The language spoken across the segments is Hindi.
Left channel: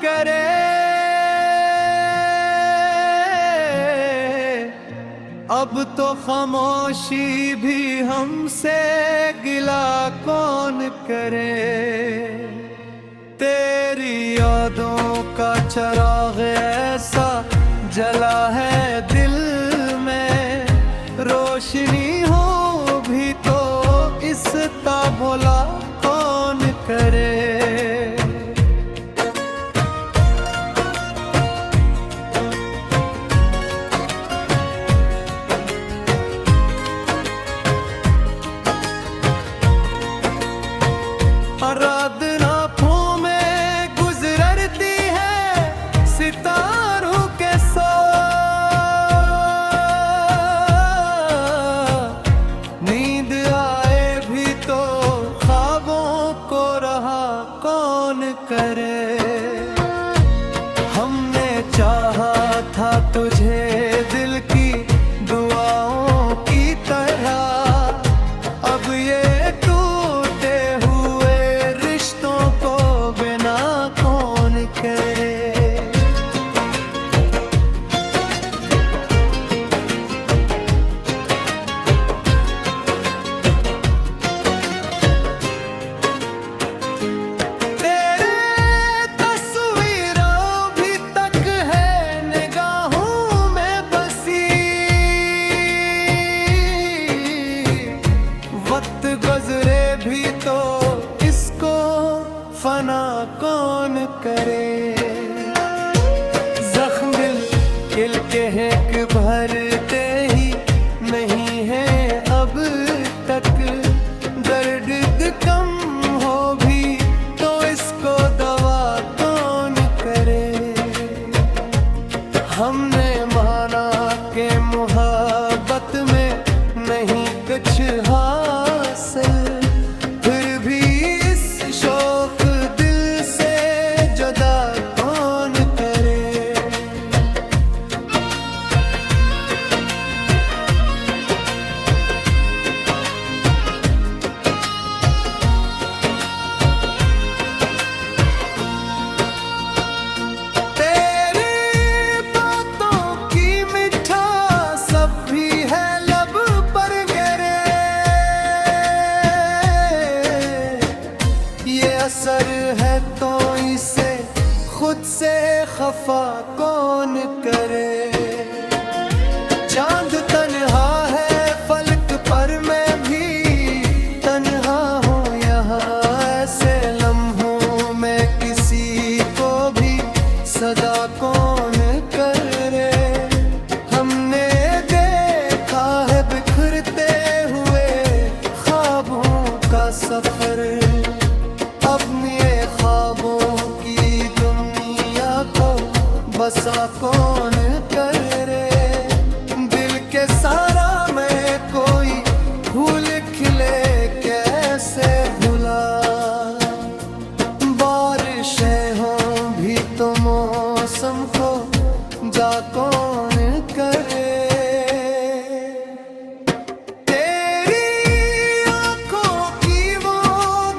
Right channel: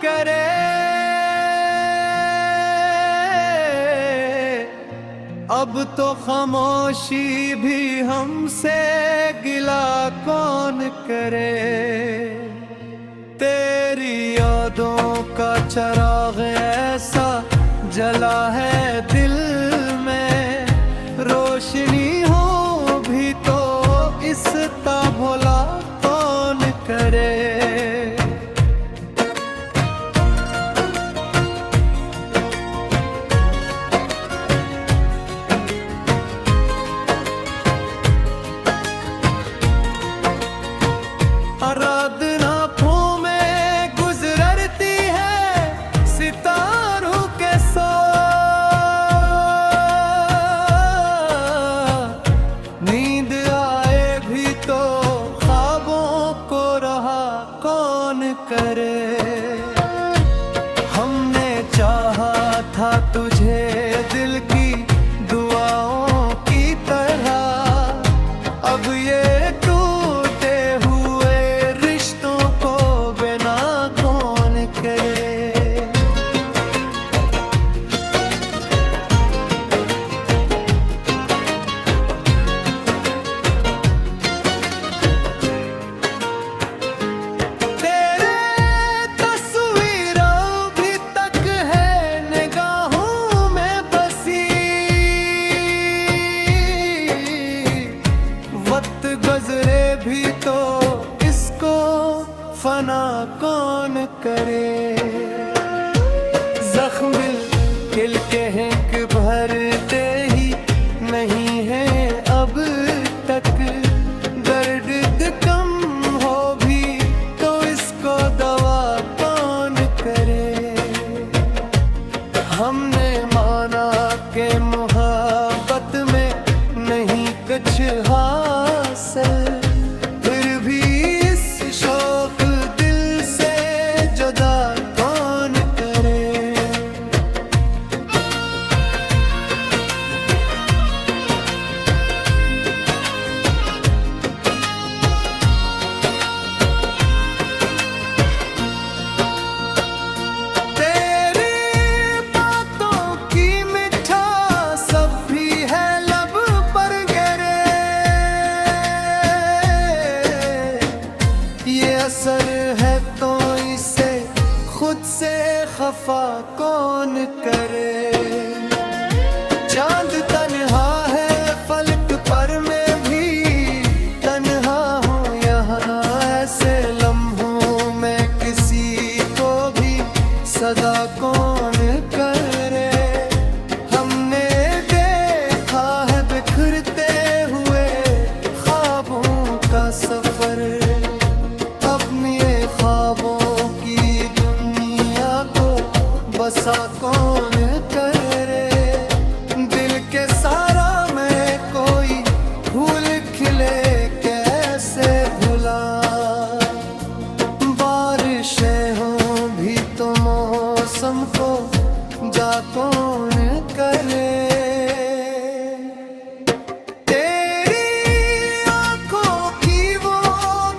करे। अब तो खामोशी भी हमसे गिला कौन करे। तेरी यादों का चिराग ऐसा जला है दिल में, रोशनी हो भी तो इसका भला कौन करे। रात-नाफों में गुजरती है सितारों के साथ, नींद आए भी तो ख्वाबों को रहा कौन करे। हमने चाहा था तुझे दिल की दुआओं की तरह, अब ये टूटे हुए रिश्तों को बिना कौन करे। तेरे तस्वीरों भी तक है निगाहों में बसी, वक्त गुजरे भी तो इसको फना कौन करे। जख्म दिल खिल के हेंक भरते ही नहीं है अब तक, दर्द कम हो भी तो इसको दवा कौन करे। हमने माना के मोहब्बत में नहीं कुछ हासिल, फिर भी इस शौक दिल से जुदा कौन करे। तेरी बातों की मिठास सब भी है लब पर गिरे, ये असर है तो इसे खुद से खफा कौन करे। चांद तन्हा है फलक पर मैं भी तन्हा हूँ यहाँ, ऐसे लम्हों में किसी को भी सदा कौन करे। हमने देखा है बिखरते हुए ख्वाबों का सफर, अपने ख्वाबों की दुनिया को बसा कौन करे। दिल के सारा में कोई फूल खिले कैसे भुला, बारिशें हों भी तो मौसम को जा कौन करे। तेरी आंखों की वो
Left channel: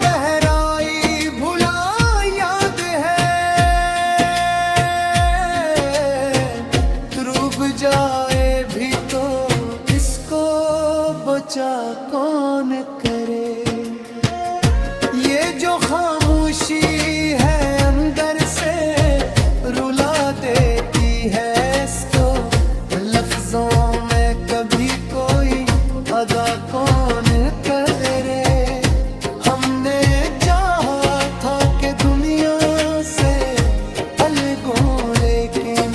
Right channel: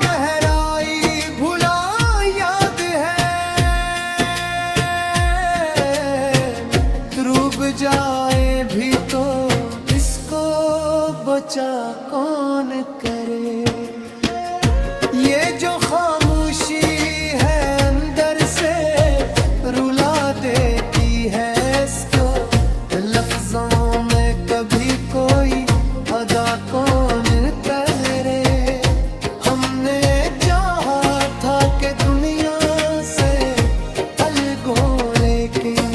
गहराई भुला याद है, डूब जाए भी तो इसको बचा कौन करे। ये जो खामोशी है अंदर से रुला देती है, इसको लफ्जों में कभी कोई अदा कौन करे। हमने चाहा था कि दुनिया से अलगो, लेकिन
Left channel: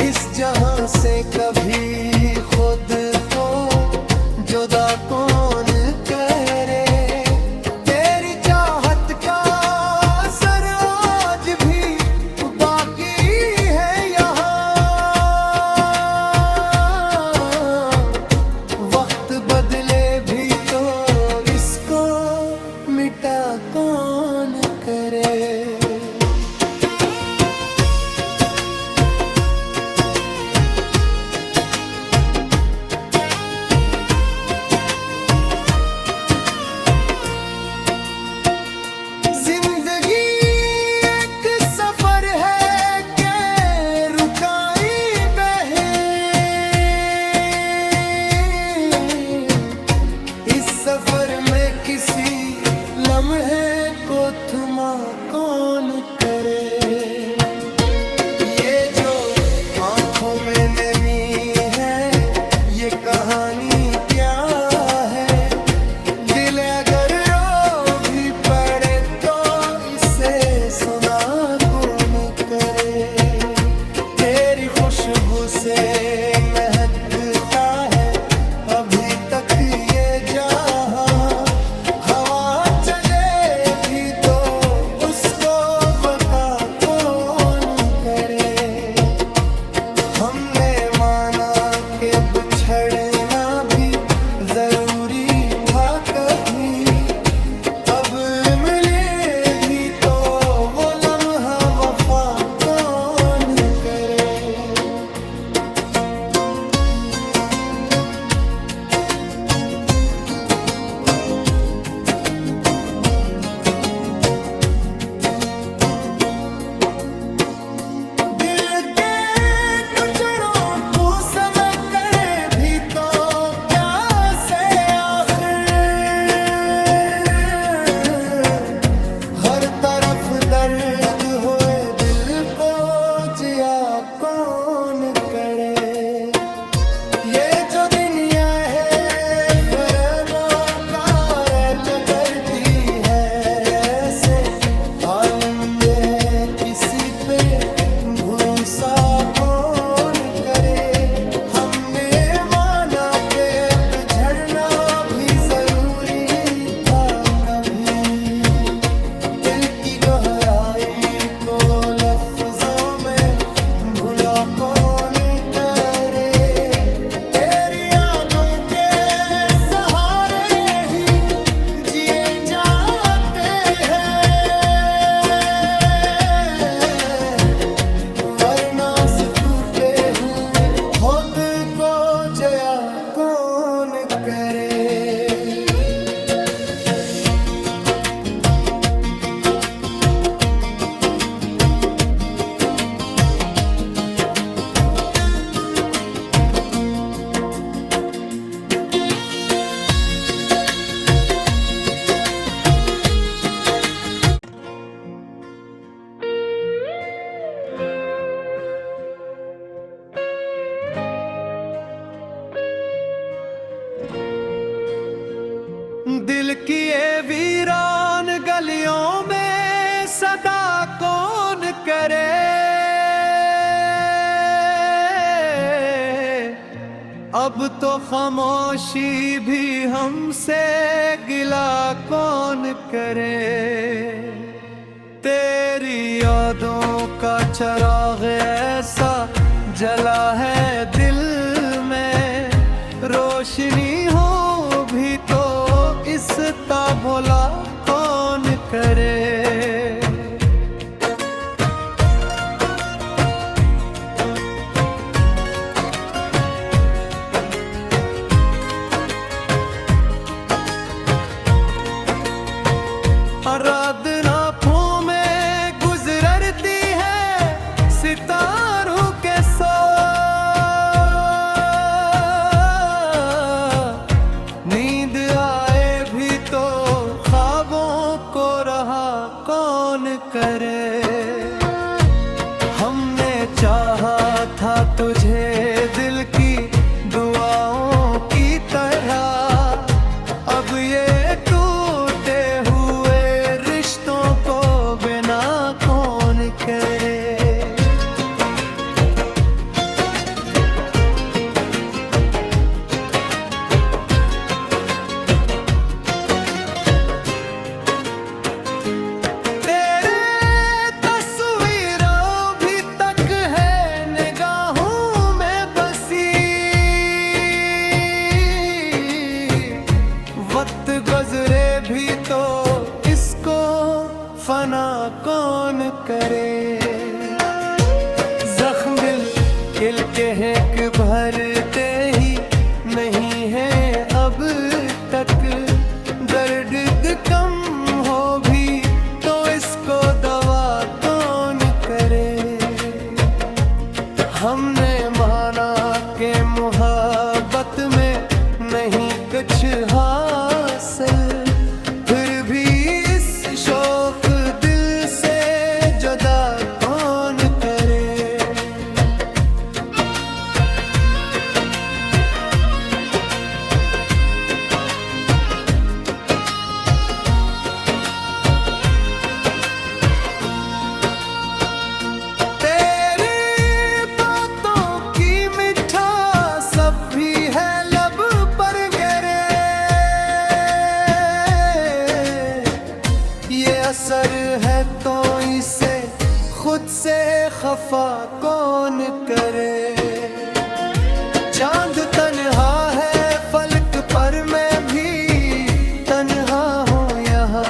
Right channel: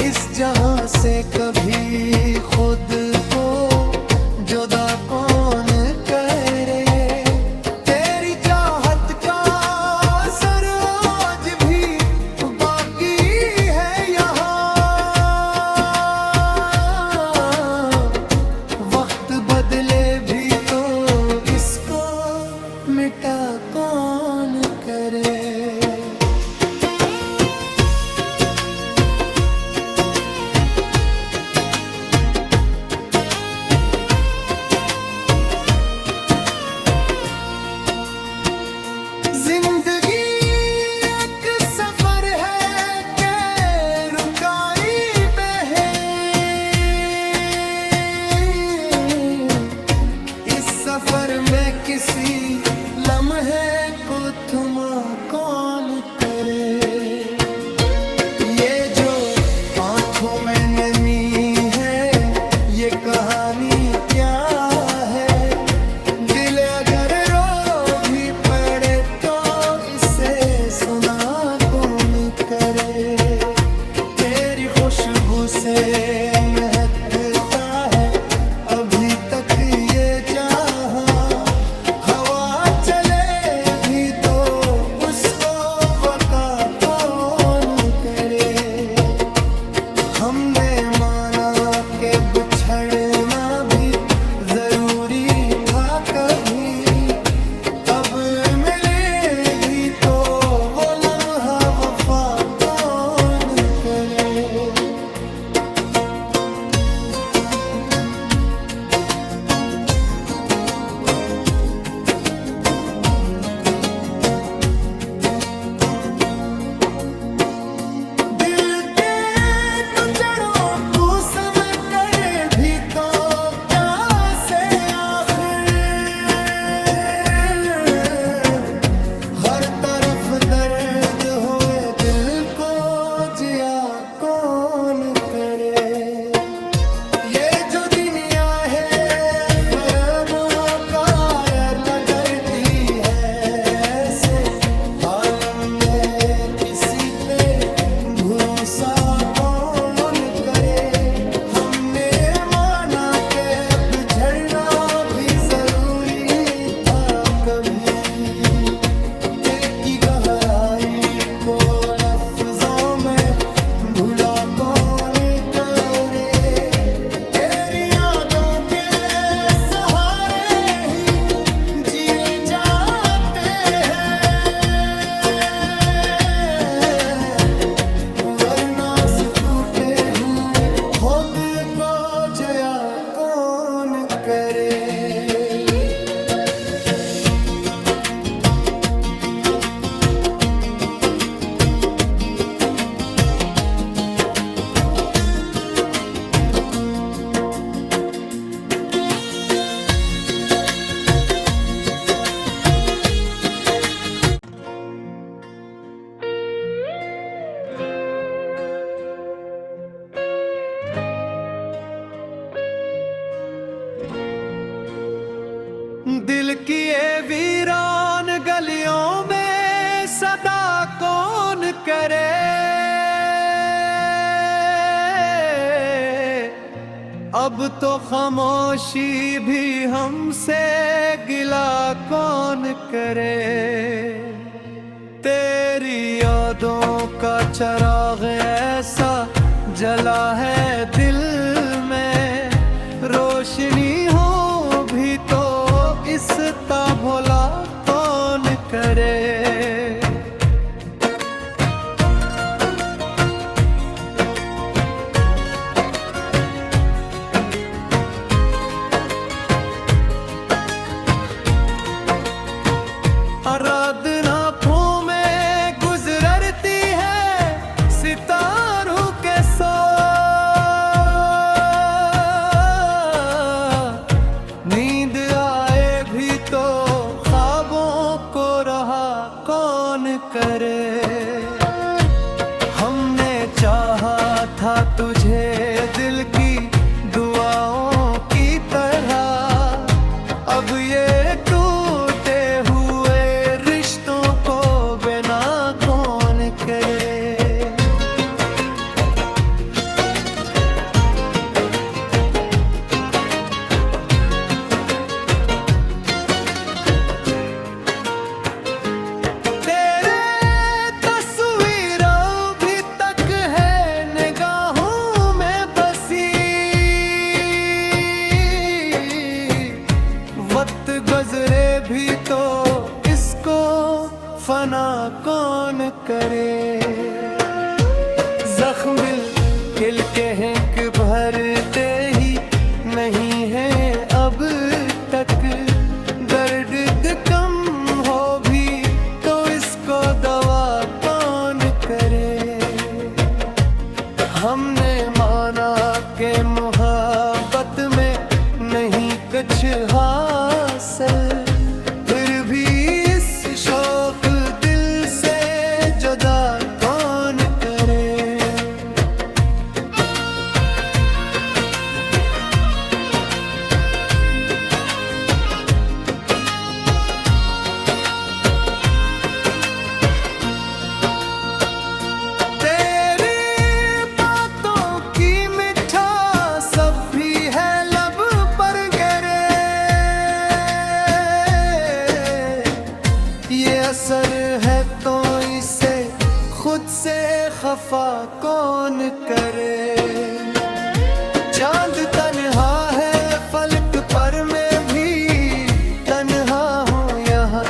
इस जहां से कभी खुद को जुदा कौन करे। तेरी चाहत का असर आज भी बाकी है यहाँ, वक्त बदले भी तो इसको मिटा कौन करे। जिंदगी एक किसी लम्हे को थमा कौन करे। ये जो आंखों में नमी है ये कहानी क्या है। दिल अगर रो भी पड़े तो इसे सुना कौन करे। तेरी खुशबू से महकता है अभी तक ये जहां। हवा चले भी तो उसको वका कौन करे। हमने माना कि बिछड़ना भी जरूरी था कभी। अब मिले भी तो वो लम्हा वफा कौन करे। दर्द होए दिल को जिया कौन करे। ये जो दुनिया है फरेबों का लगती है ऐसे हाल में किसी पे भरोसा कौन करे। हमने माना के बिछड़ना भी जरूरी था कभी। गहराई को लफ्जों में भुला कौन करे। तेरी यादों के सहारे ही जिए जाते हैं वरना से टूटे हुए खुद को जया कौन करे। दिल की ये वीरान गलियों में सदा कौन करे। अब तो खामोशी भी हमसे गिला कौन करे। तेरी यादों का चिराग ऐसा जला है दिल में। रोशनी हो भी तो इसका भला कौन करे। रात-नाफों में गुजरती है सितारों के साथ। नींद आए भी तो ख्वाबों को रहा कौन करे। हमने चाहा था तुझे दिल की दुआओं की तरह। अब ये टूटे हुए रिश्तों को बिना कौन करे। वक्त गुजरे भी तो इसको फना कौन करे। जख्म दिल के हैं कि भरते ही नहीं है अब तक। दर्द कम हो भी तो इसको दवा कौन करे। हमने माना के मोहब्बत में नहीं कुछ हासिल। है तो इसे खुद से खफा कौन करे। चांद तन्हा है फलक पर मैं भी तन्हा हूँ यहाँ,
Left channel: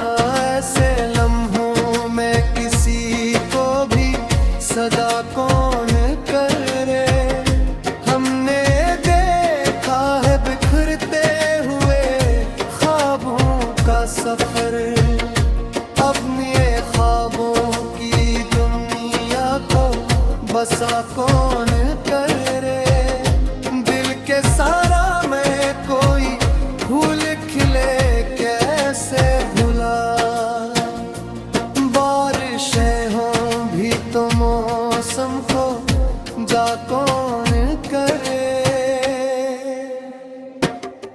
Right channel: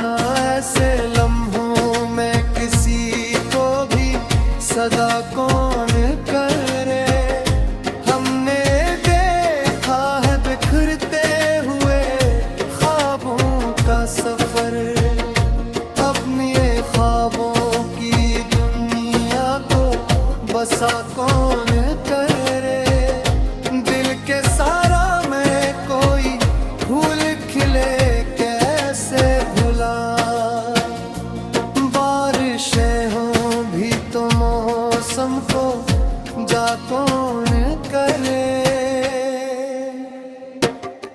ऐसे लम्हों में किसी को भी सदा कौन करे। हमने देखा है बिखरते हुए ख्वाबों का सफर, अपने ख्वाबों की दुनिया को बसा कौन करे। दिल के सारा में कोई फूल खिले कैसे भुला, बारिशें हों भी तो मौसम को जा कौन करे।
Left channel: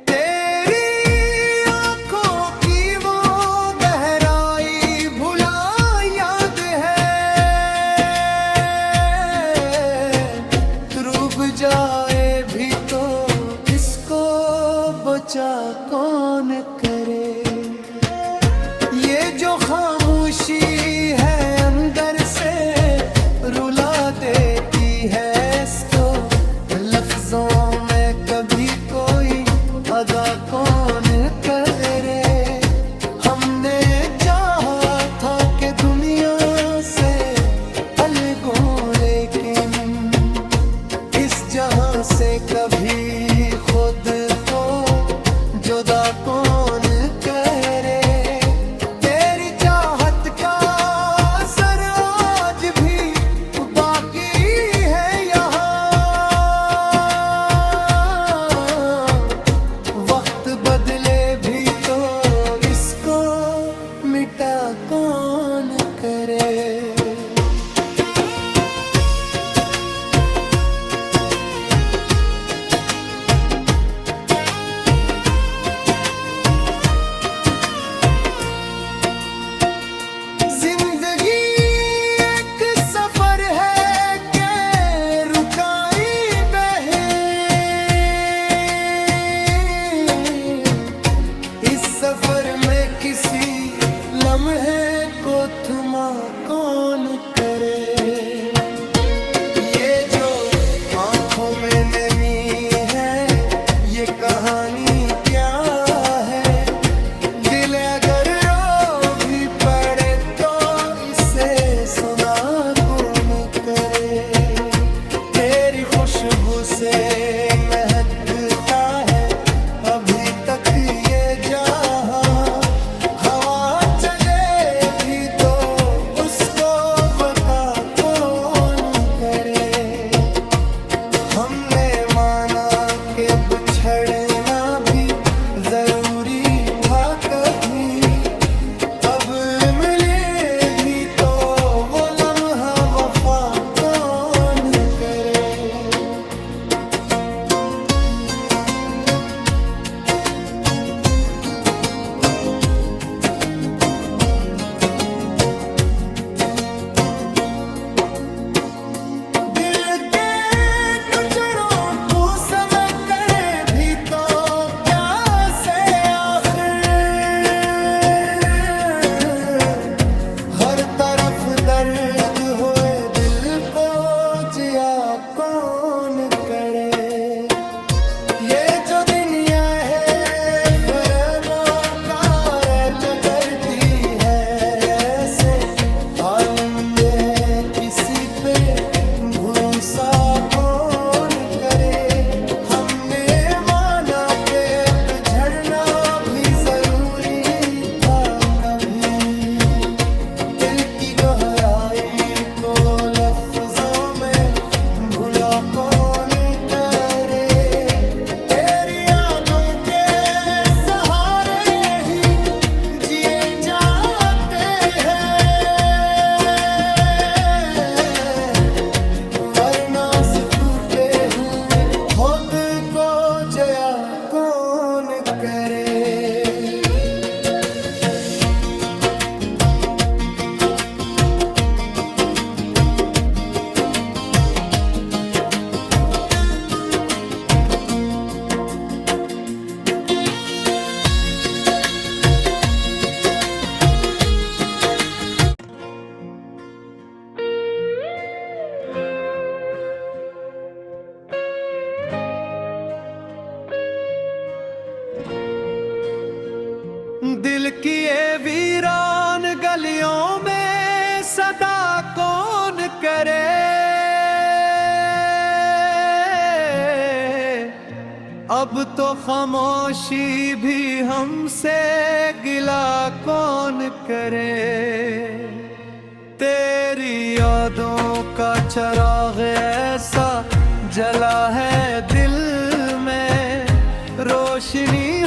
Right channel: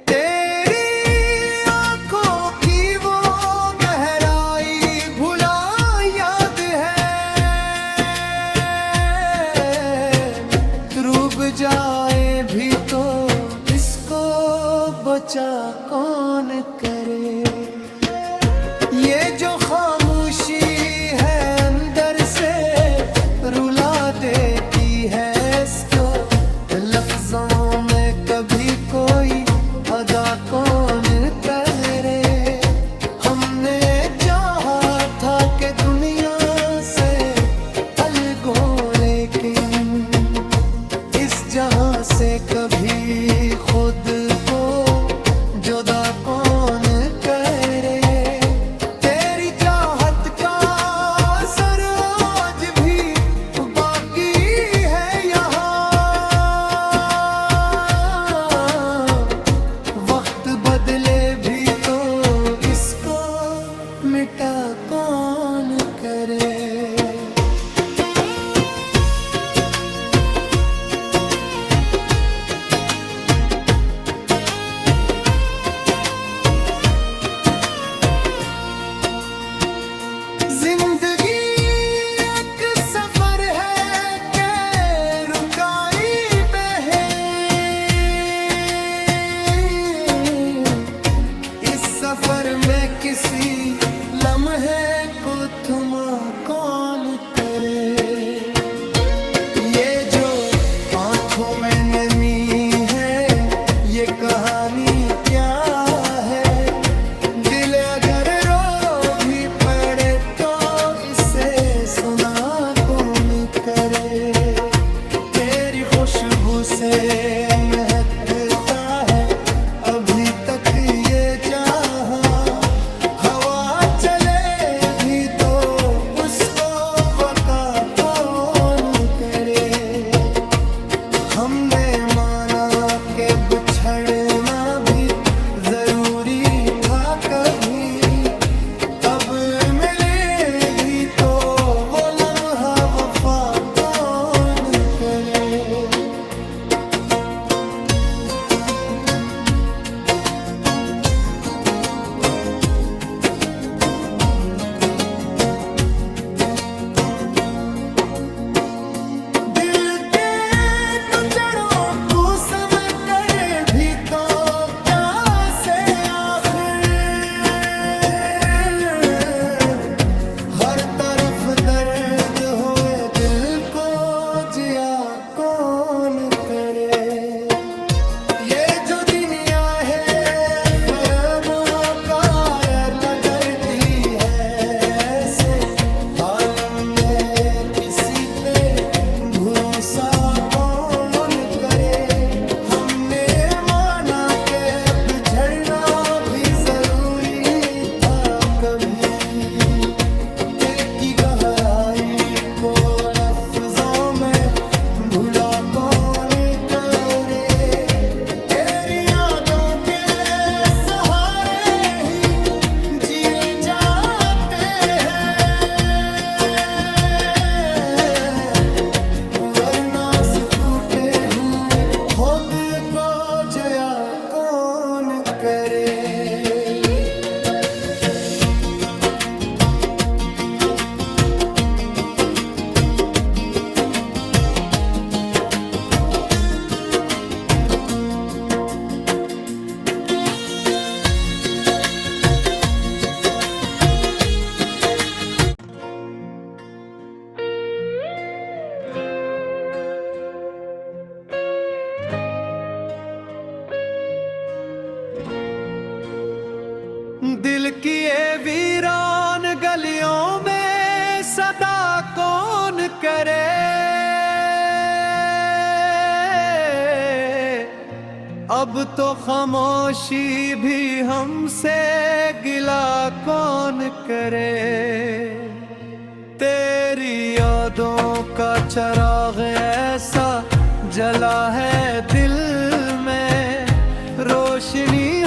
तेरी आंखों की वो गहराई भुला याद है, डूब जाए भी तो इसको बचा कौन करे। ये जो खामोशी है अंदर से रुला देती है, इसको लफ्जों में कभी कोई अदा कौन करे। हमने चाहा था कि दुनिया से अलग हो, लेकिन इस जहां से कभी खुद को जुदा कौन करे। तेरी चाहत का असर आज भी बाकी है यहाँ, वक्त बदले भी तो इसको मिटा कौन करे। जिंदगी एक सफर है के रुकाई बहे, इस सफर में किसी लम्हे को थमा कौन करे। ये जो आंखों में नमी है ये कहानी क्या है। दिल अगर रो भी पड़े तो इसे सुना कौन करे। तेरी खुशबू से महकता है अभी तक ये जहां, हवा चले भी तो उसको वका कौन करे। हमने माना कि बिछड़ना भी जरूरी था कभी, अब मिले भी तो वो लम्हा वफा कौन करे। दिल के टुकड़ों को समय करे भी तो क्या से आखिर, हर तरफ दर्द होए दिल को जिया कौन करे। ये जो दुनिया है फरेबों का लगती है, ऐसे हाल में किसी पे भरोसा कौन करे। हमने माना के बिछड़ना भी जरूरी था कभी, दिल की गहराई को लफ्जों में भुला कौन करे। तेरी यादों के सहारे ही जिए जाते हैं, वरना से टूटे हुए खुद को जया कौन करे। दिल की ये वीरान गलियों में सदा कौन करे। अब तो खामोशी भी हमसे गिला कौन करे। तेरी यादों का चिराग ऐसा जला है दिल में, रोशनी